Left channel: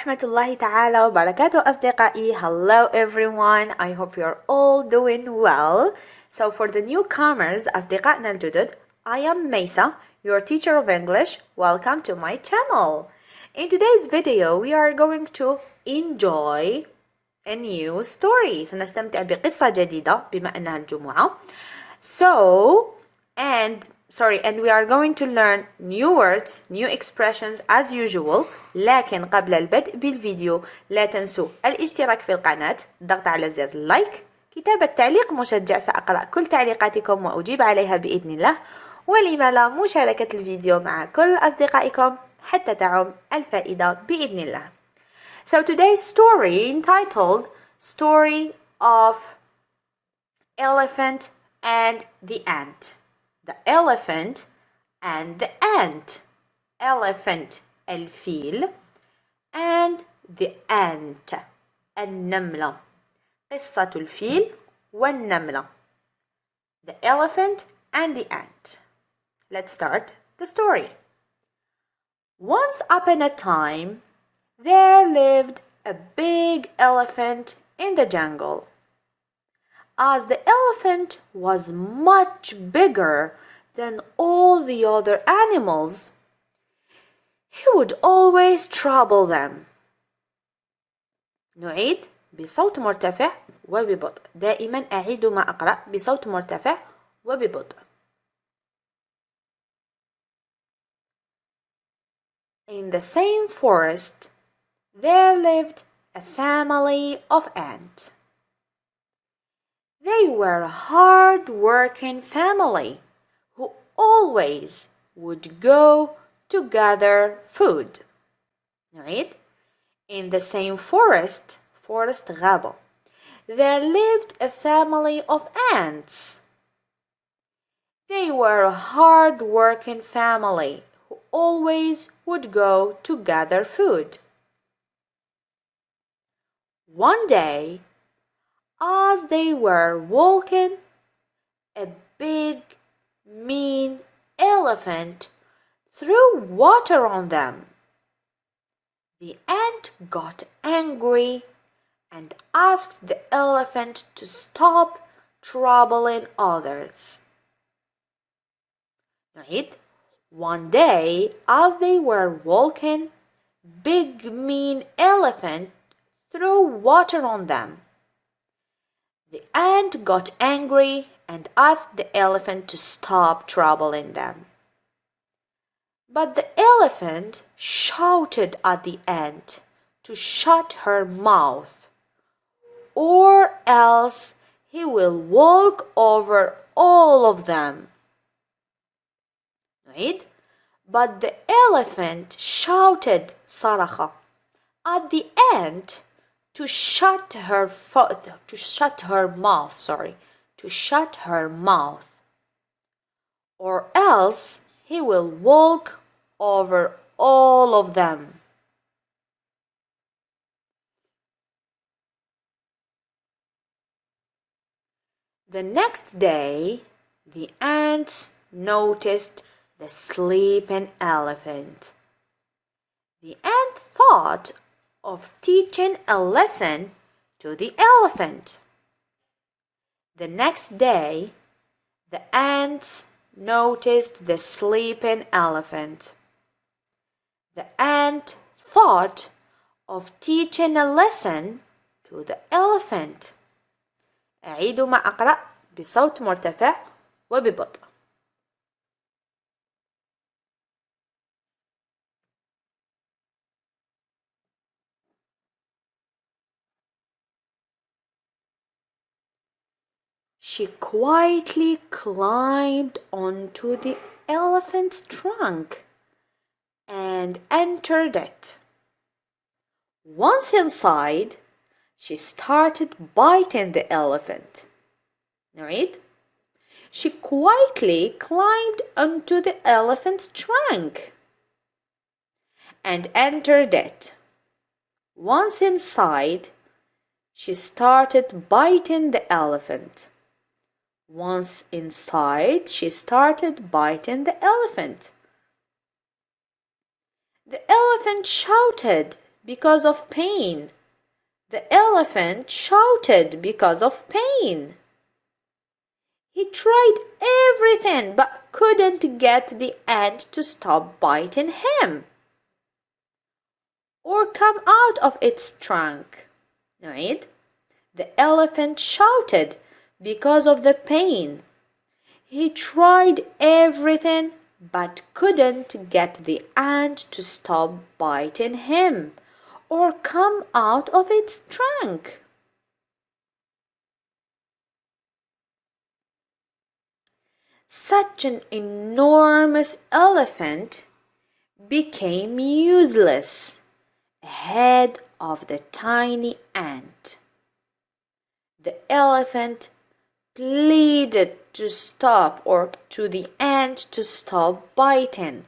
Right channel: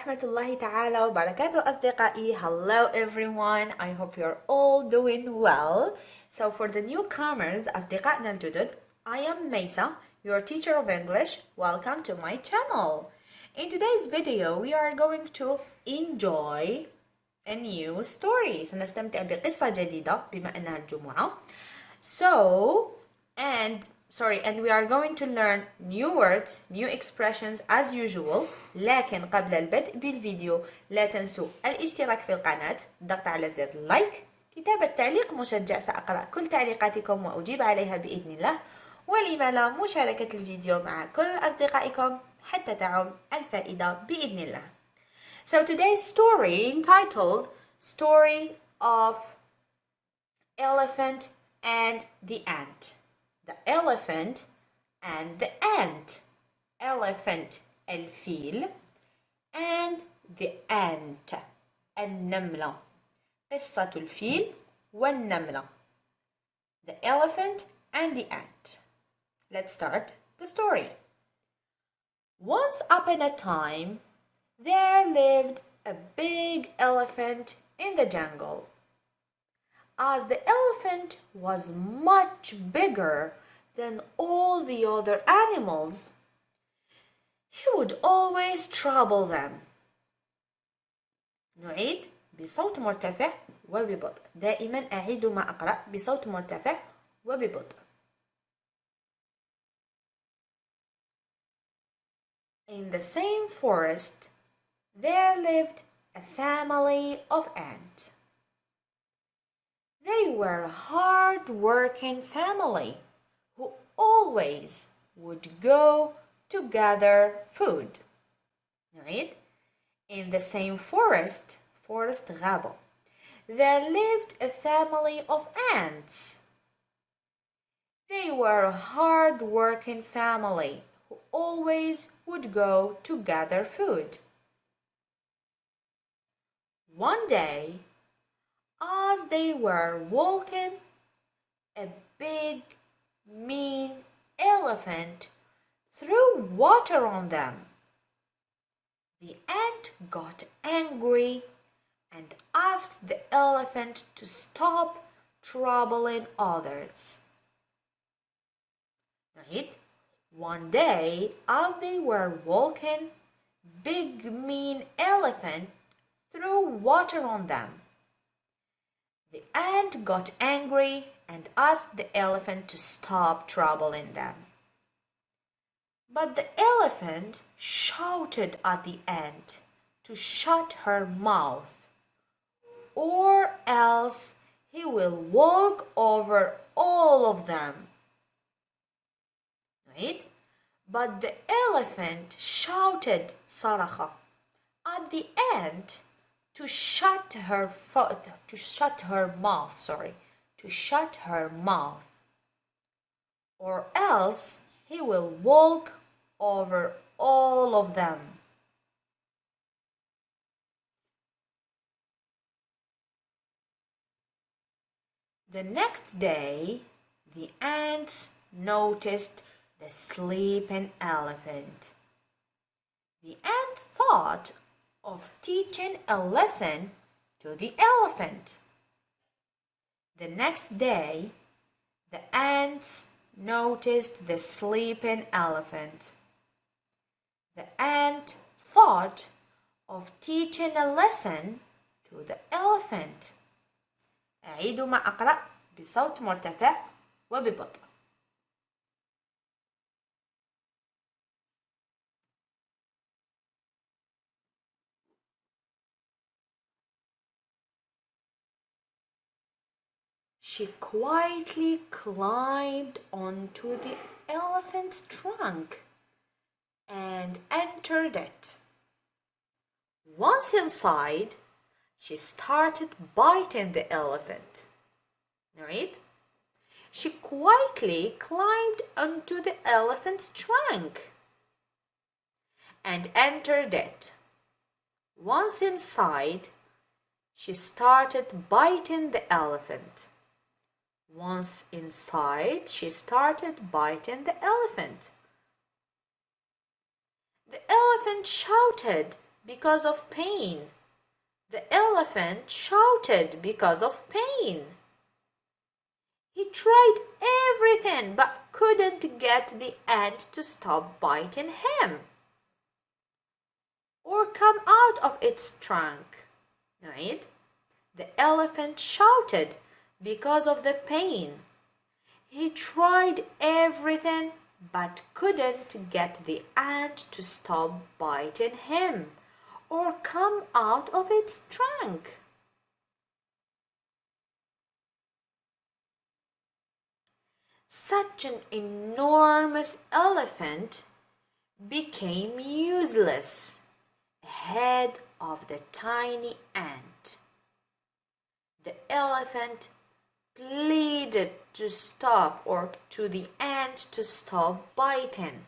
ورحمة الله تعالى وبركاته أصدقائي. Hello everyone, I hope you're all doing well. So for the newcomers أصدقائنا الجدد, I am Maysa, your teacher of English. Welcome to my channel. In today's video we are going to enjoy a new story. سنستمتع بقصة جديدة بما أنها الجمعة. And we are going to learn new words, new expressions as usual. لكن قبل البدء بالفيديو لا تنسوا الاشتراك في القناة، الضغط على زر اللايك، كتابة تعليق مشجع، سأقرأ كل تعليقاتكم وأجيب عليها بإذن الله، ولما لا مشاركة الفيديو مع كل أصدقائكم حتى تعم الفائدة بإذن الله. So today's story entitled Story of Elephant and the Ant. The elephant and the ant. Elephant الفيل and the ant النملة. قصة الفيل والنملة. The elephant and the ant. Let's start the story. Once upon a time, there lived a big elephant in the jungle. As the elephant was much bigger than all the other animals, he would always trouble them. نعيد بصوت مرتفع وببطء. دائما أعيد ما أقرأ بصوت مرتفع وببطء. In the same forest, there lived a family of ants. They were a hard-working family who always would go to gather food. نعيد. In the same forest غابة, there lived a family of ants. They were a hard-working family who always would go to gather food. One day, as they were walking, a big, mean elephant threw water on them. The ant got angry and asked the elephant to stop troubling others. Right? One day, as they were walking, big, mean elephant threw water on them. The ant got angry and asked the elephant to stop troubling them. But the elephant shouted at the ant to shut her mouth, or else he will walk over all of them. Right? But the elephant shouted صرخ at the ant to shut her mouth, or else he will walk over all of them. The next day, the ants noticed the sleeping elephant. The ant thought of teaching a lesson to the elephant. The next day, the ants noticed the sleeping elephant. The ant thought of teaching a lesson to the elephant. أعيد ما أقرأ بصوت مرتفع وببطء. She quietly climbed onto the elephant's trunk and entered it. Once inside, she started biting the elephant. Right? She quietly climbed onto the elephant's trunk and entered it. Once inside, she started biting the elephant. Once inside, she started biting the elephant. The elephant shouted because of pain. The elephant shouted because of pain. He tried everything but couldn't get the ant to stop biting him or come out of its trunk. نعيد. The elephant shouted because of the pain. He tried everything but couldn't get the ant to stop biting him or come out of its trunk. Such an enormous elephant became useless ahead of the tiny ant. The elephant pleaded to stop or to the ant to stop biting.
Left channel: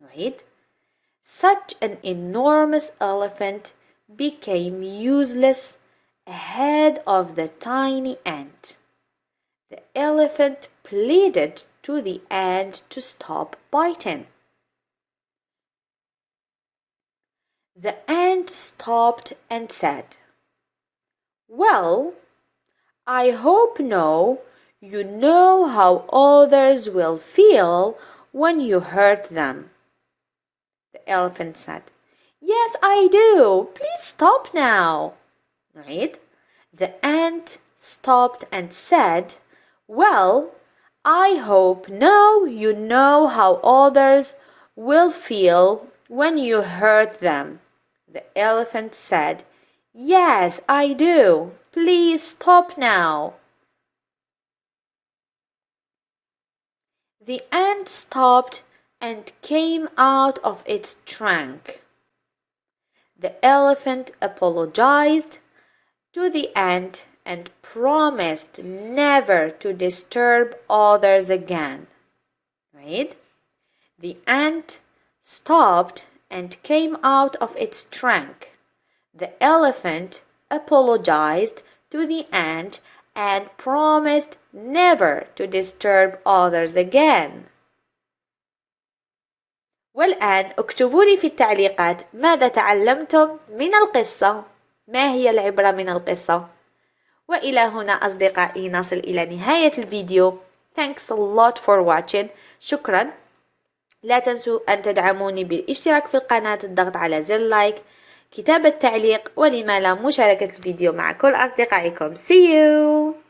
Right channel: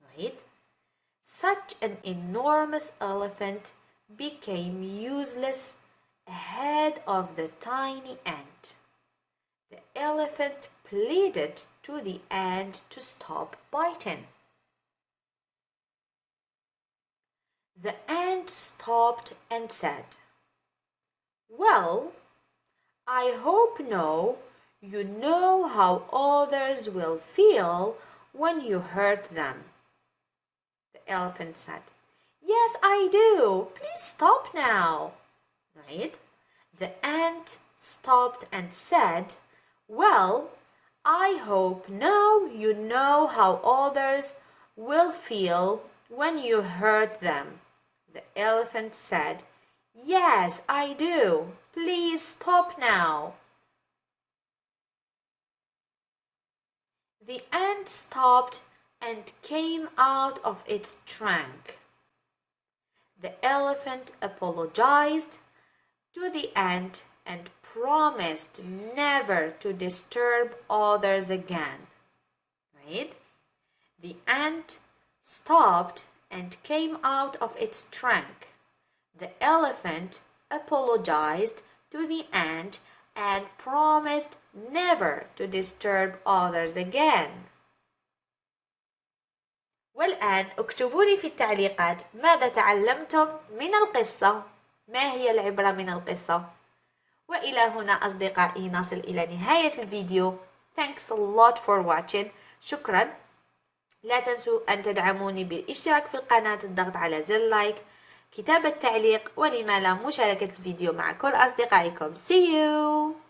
Right? Such an enormous elephant became useless ahead of the tiny ant. The elephant pleaded to the ant to stop biting. The ant stopped and said, "Well, I hope now you know how others will feel when you hurt them." The elephant said, "Yes, I do. Please stop now." Right? The ant stopped and said, "Well, I hope now you know how others will feel when you hurt them." The elephant said, "Yes, I do. Please stop now." The ant stopped and came out of its trunk. The elephant apologized to the ant and promised never to disturb others again. Right? The ant stopped and came out of its trunk. The elephant apologized to the ant and promised never to disturb others again. والآن اكتبوا لي في التعليقات ماذا تعلمتم من القصة؟ ما هي العبرة من القصة؟ وإلى هنا أصدقائي نصل إلى نهاية الفيديو. Thanks a lot for watching. شكرا. لا تنسوا أن تدعموني بالاشتراك في القناة، الضغط على زر لايك، كتابة تعليق، ولما لا مشاركة الفيديو مع كل أصدقائكم. See you!